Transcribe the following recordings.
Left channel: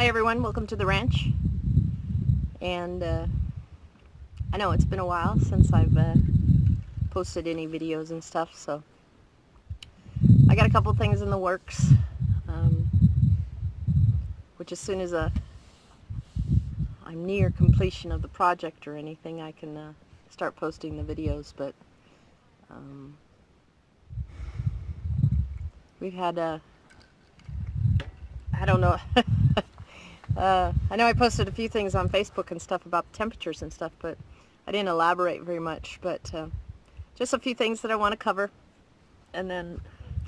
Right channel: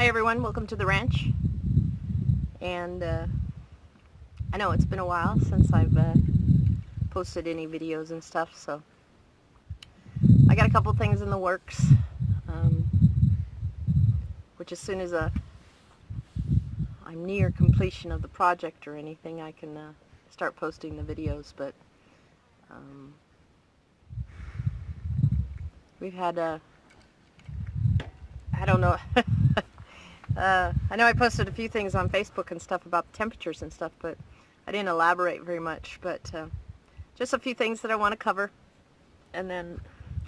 Hi everyone, welcome to the ranch. And I know it's been a while since I've posted any videos and stuff, so I got a couple things in the works, which as soon as I'm near completion of the project or anything, I can start posting the videos. But we've had I don't know. I know I posted a few things on Facebook and stuff about temperatures and stuff, but I didn't elaborate very much. But just a few things that I want to cover, and then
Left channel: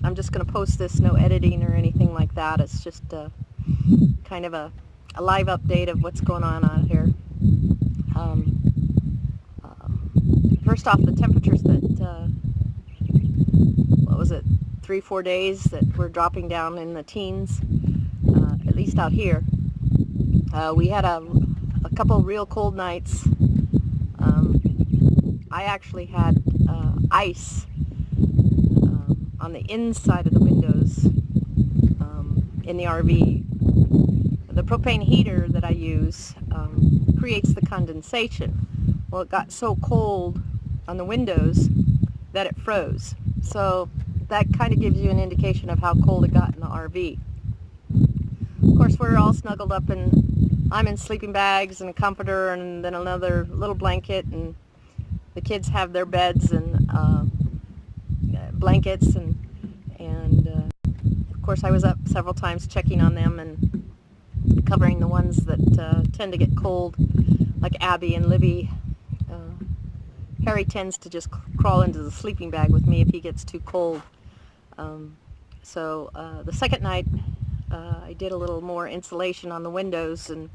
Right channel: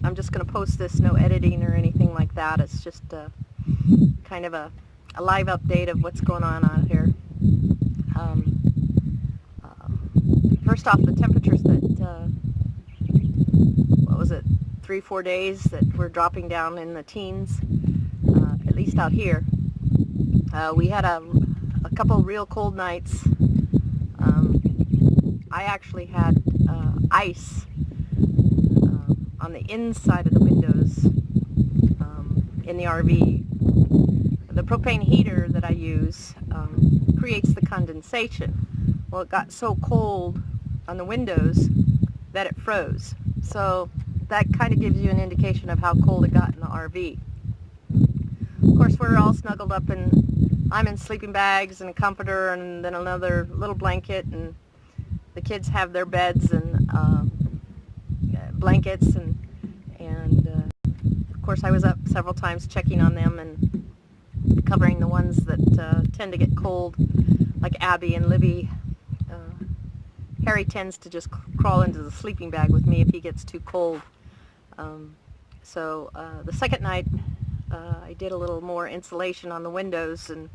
I'm just going to post this, no editing or anything like that. It's just kind of a live update of what's going on out here. First off, the temperatures that, what was it, 3-4 days that were dropping down in the teens, at least out here. We had a couple real cold nights. I actually had ice on the inside of the windows in the RV. The propane heater that I use creates the condensation. Well, it got so cold on the windows that it froze. So that kind of gives you an indication of how cold it got in the RV. Of course, we're all snuggled up, and I'm in sleeping bags and a comforter and then another little blanket, and the kids have their beds and blankets, and of course I was up several times checking on them and covering the ones that tend to get cold, like Abby and Libby. Harry tends to just crawl into the sleeping bag with me if he gets too cold. So the second night I did a little more insulation on the windows, and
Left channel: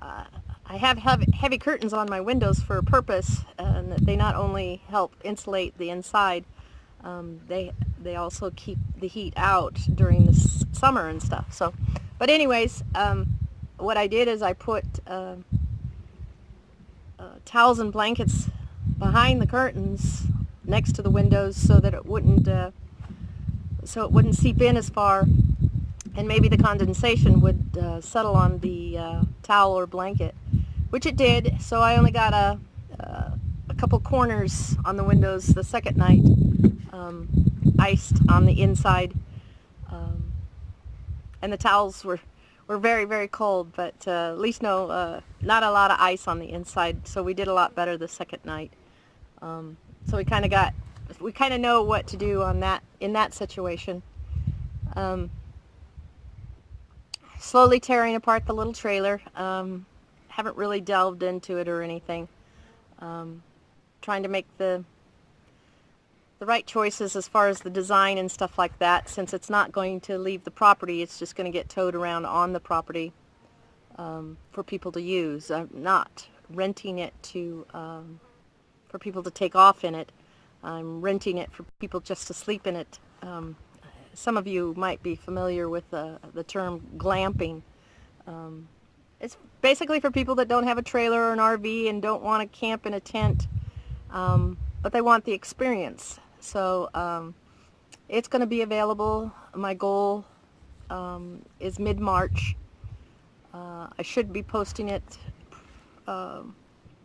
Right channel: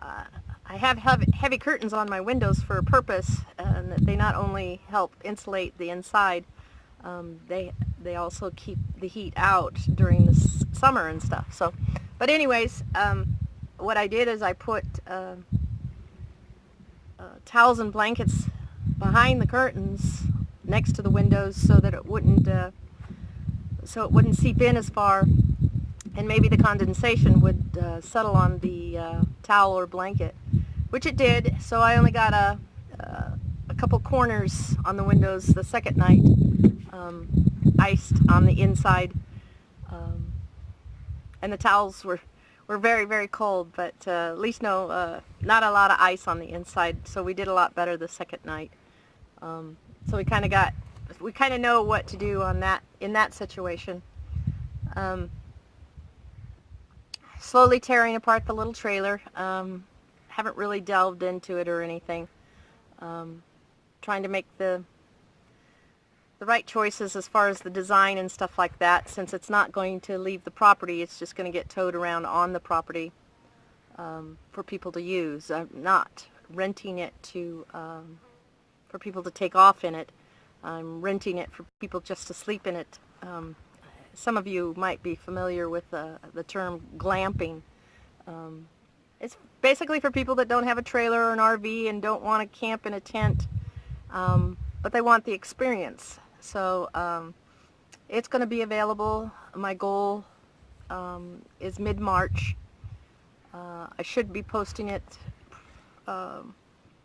I have heavy curtains on my windows for a purpose, and that they not only help insulate the inside, they also keep the heat out during the summer and stuff. So, but anyways, what I did is I put towels and blankets behind the curtains next to the windows so that it wouldn't seep in as far, and maybe the condensation would settle on the towel or blanket, which it did. So I only got a couple corners on the windows the second night, iced on the inside, and the towels were very, very cold, but at least not a lot of ice on the inside, so we did a lot better the second night. So we kind of know what to do on that, in that situation. Slowly tearing apart the little trailer. Haven't really delved into it or anything. Trying to make the right choices as far as the design and stuff like that, since it's not going to leave the property. It's just going to get towed around on the property for people to use. I'm not renting it for people to take off in it. I'm renting it for people just to sleep in it. Some of you might be familiar with the term glamping. It's basically for people that don't have a trailer or an RV and don't want to camp in a tent, but they want the experience. So it's going to be available. My goal is mid-March. I should be posting it on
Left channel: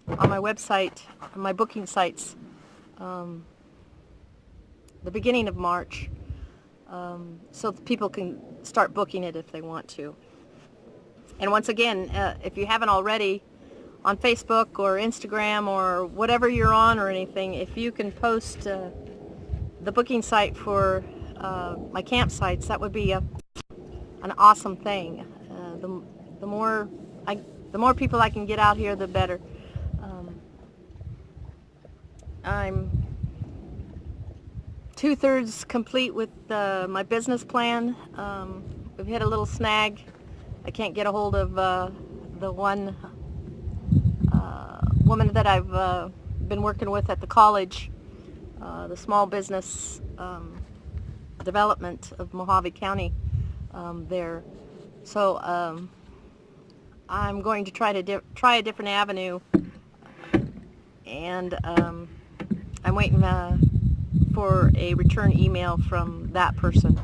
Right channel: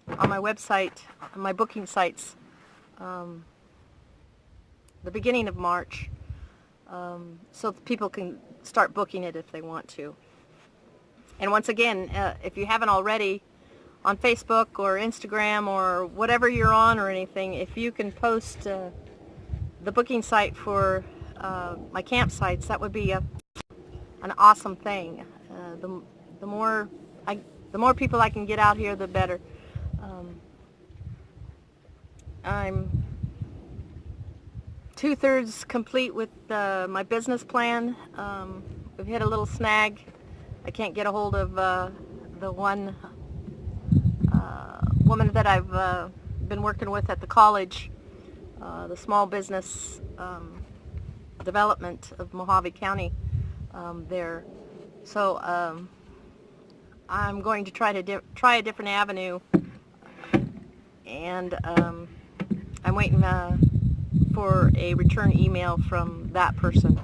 my website, on my booking sites, the beginning of March. So that people can start booking it if they want to. And once again, if you haven't already, on Facebook or Instagram or whatever you're on or anything, if you can post the booking site for my campsites, that would be an awesome thing. The more people I can get out here, the better. I'm 2/3 complete with my business plan. We've hit a little snag. I can't get a hold of the one woman that I've been working with at the college, the small business development of Mojave County there. So I'm going to try a different avenue, and I'm waiting for a return email from that person.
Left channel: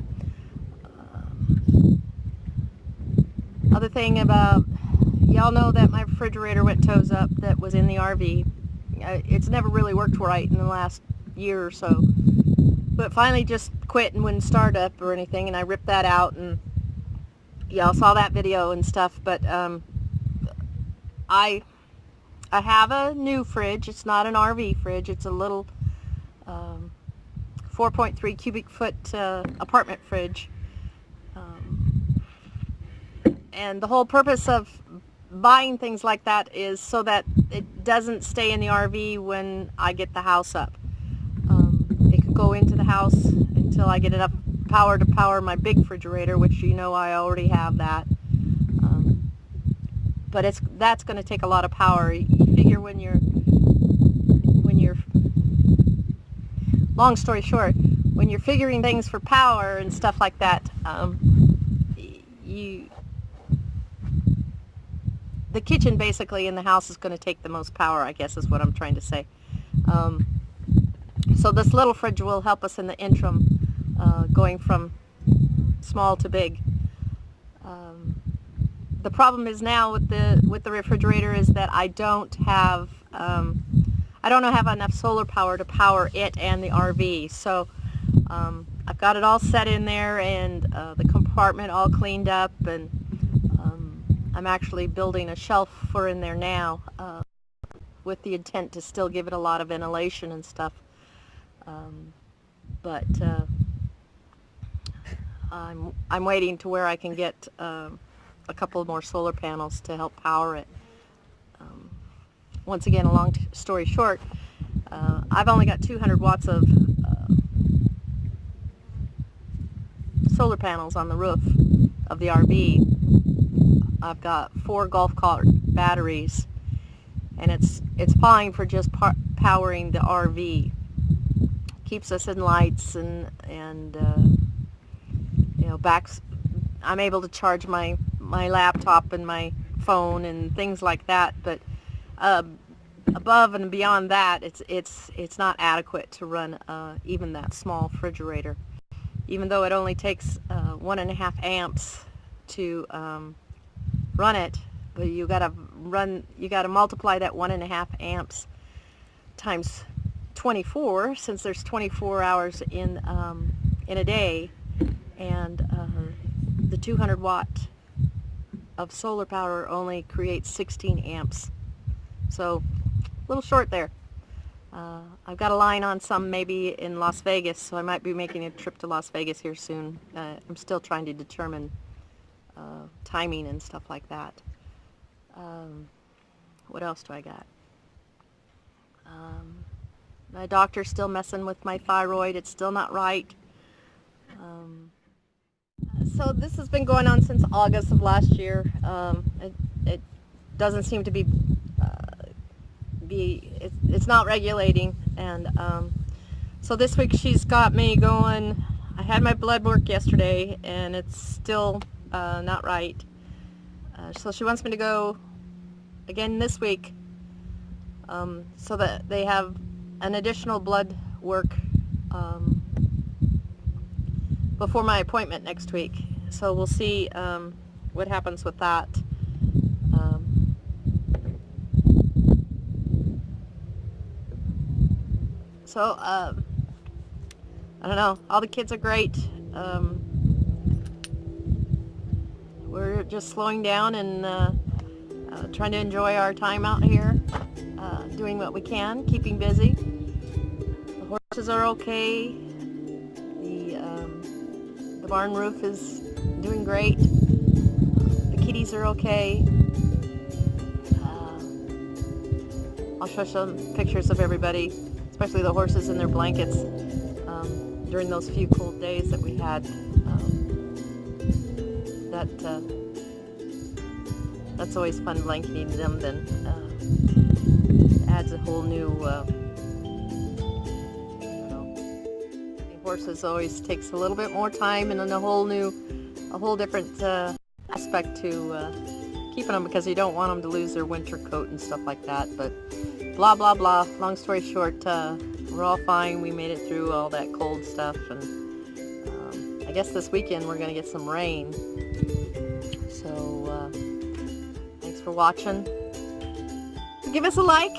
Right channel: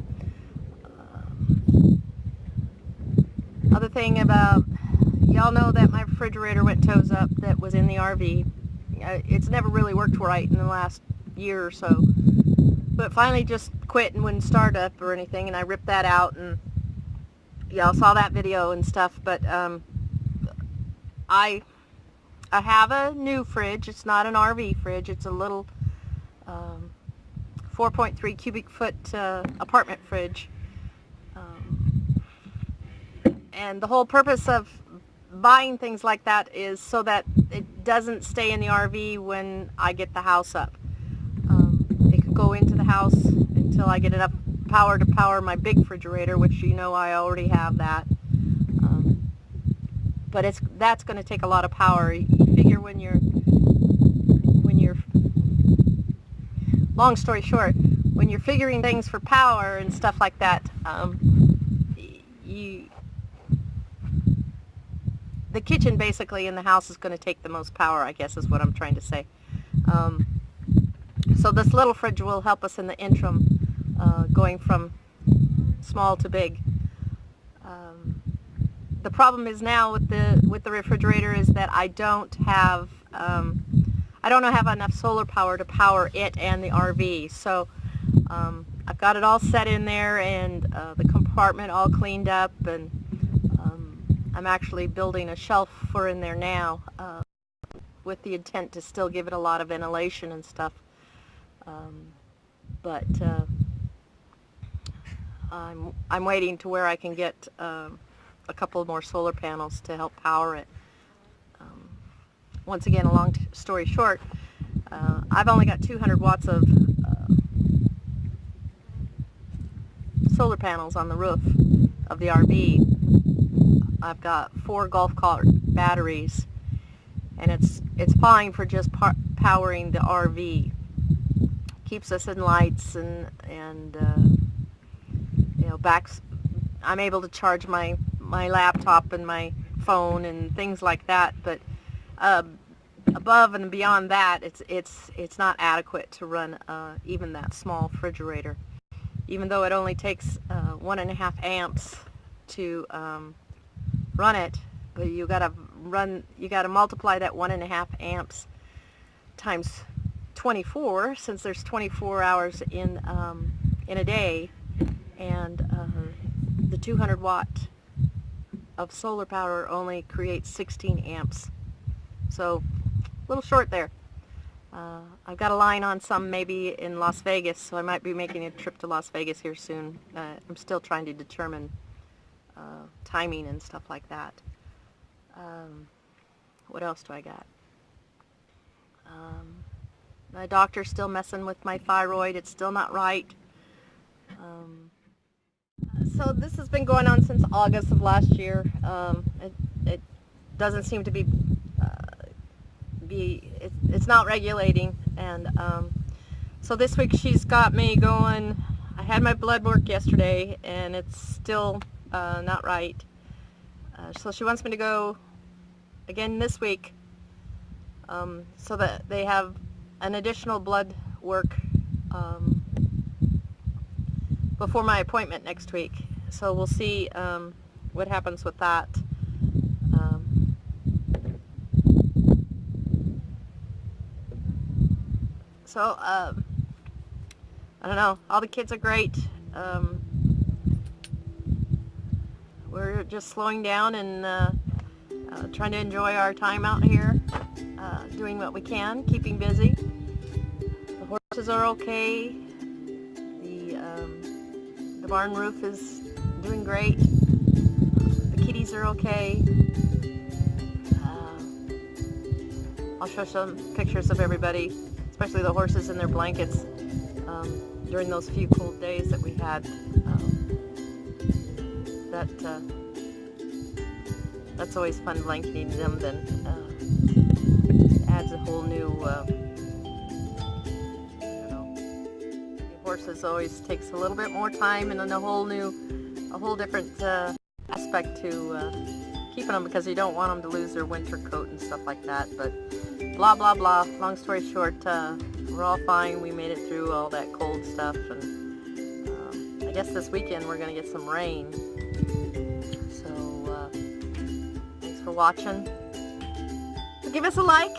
Other thing about, y'all know that my refrigerator went toes up that was in the RV. It's never really worked right in the last year or so, but finally just quit and wouldn't start up or anything, and I ripped that out, and y'all saw that video and stuff. But I have a new fridge. It's not an RV fridge. It's a little 4.3 cubic foot apartment fridge. And the whole purpose of buying things like that is so that it doesn't stay in the RV when I get the house up. It can go into the house until I get enough power to power my big refrigerator, which you know I already have that. But that's going to take a lot of power. You figure when you're, long story short, when you're figuring things for power and stuff like that, the kitchen basically in the house is going to take the most power, I guess is what I'm trying to say. So this little fridge will help us in the interim, going from small to big. The problem is now with the refrigerator is that I don't have enough solar power to power it and the RV. So I've got it all set in there, and the compartment all cleaned up, and I'm actually building a shelf for in there now, with the intent to still give it a lot of ventilation and stuff. But I'm waiting to where I can get a couple more solar panels to help power it. Once again, a long story short, I've only got 200 watts of solar panels on the roof of the RV. I've got 4 golf cart batteries, and it's fine for just powering the RV. Keeps us in lights and I'm able to charge my laptop and my phone and things like that, but above and beyond that, it's not adequate to run even that small refrigerator. Even though it only takes 1.5 amps to run it, but you gotta multiply that 1.5 amps times 24, since there's 24 hours in a day, and the 200 watt of solar power only creates 16 amps. So a little short there. I've got a line on some maybe in Las Vegas, so I might be making a trip to Las Vegas here soon. I'm still trying to determine timing and stuff like that. What else do I got? My doctor's still messing with my thyroid. It's still not right. So this has been going on since August of last year. It doesn't seem to it's not regulating, and so this week she's got me going. I had my blood work yesterday, and it's still not right. So she wants me to go again this week, so that they have an additional blood work before my appointment next week. So we'll see what happens with that. So I don't know. All the kids are great. We're just slowing down and trying to enjoy our time out here, doing what we can, keeping busy. The horses are okay. The barn roof is doing great. The kitties are okay. I'll show some pictures of everybody, especially the horses in their blankets, during those few cold days that we had. That's always fun, blanketing them. Then adds a whole new, the horses always takes a little bit more time, and then a whole different aspect to keeping them, because you don't want them to lose their winter coat and stuff like that. But blah blah blah, long story short, we're all fine. We made it through all that cold stuff, and I guess this weekend we're going to get some rain. So for watching. Give us a like.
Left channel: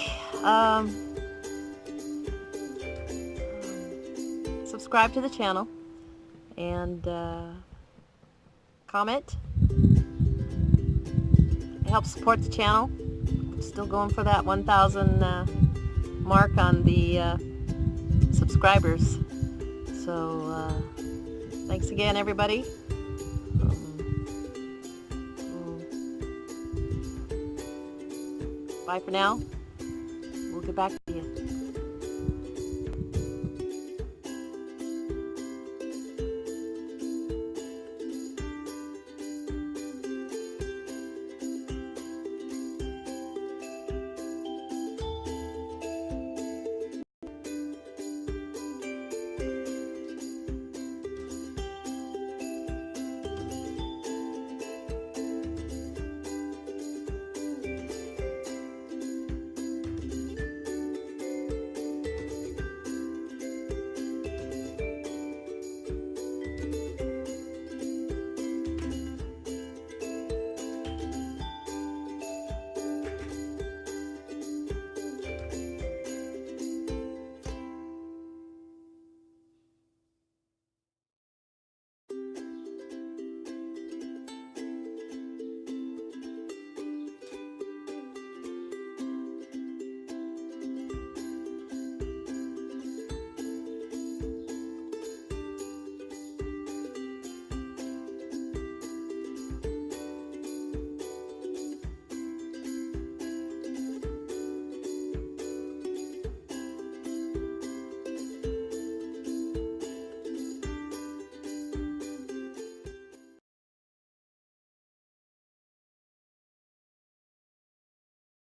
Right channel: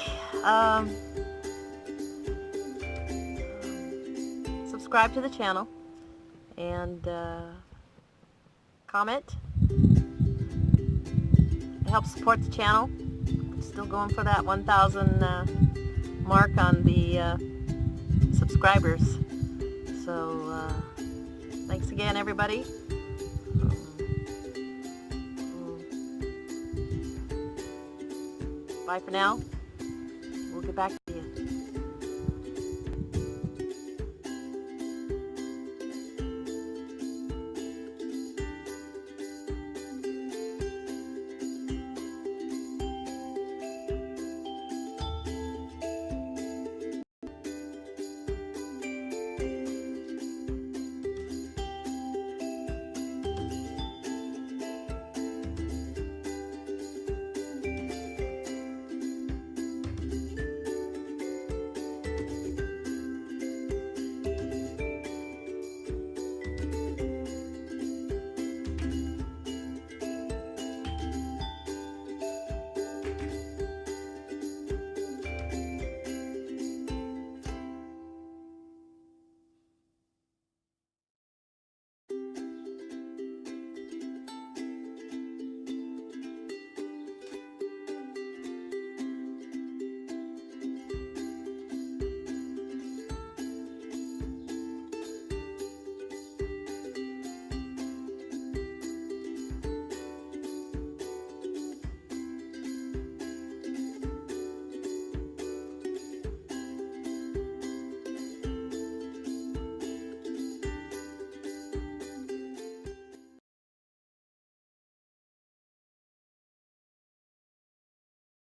Subscribe to the channel. And comment. It helps support the channel. Still going for that 1,000 mark on the subscribers. So thanks again, everybody. Bye for now. We'll get back.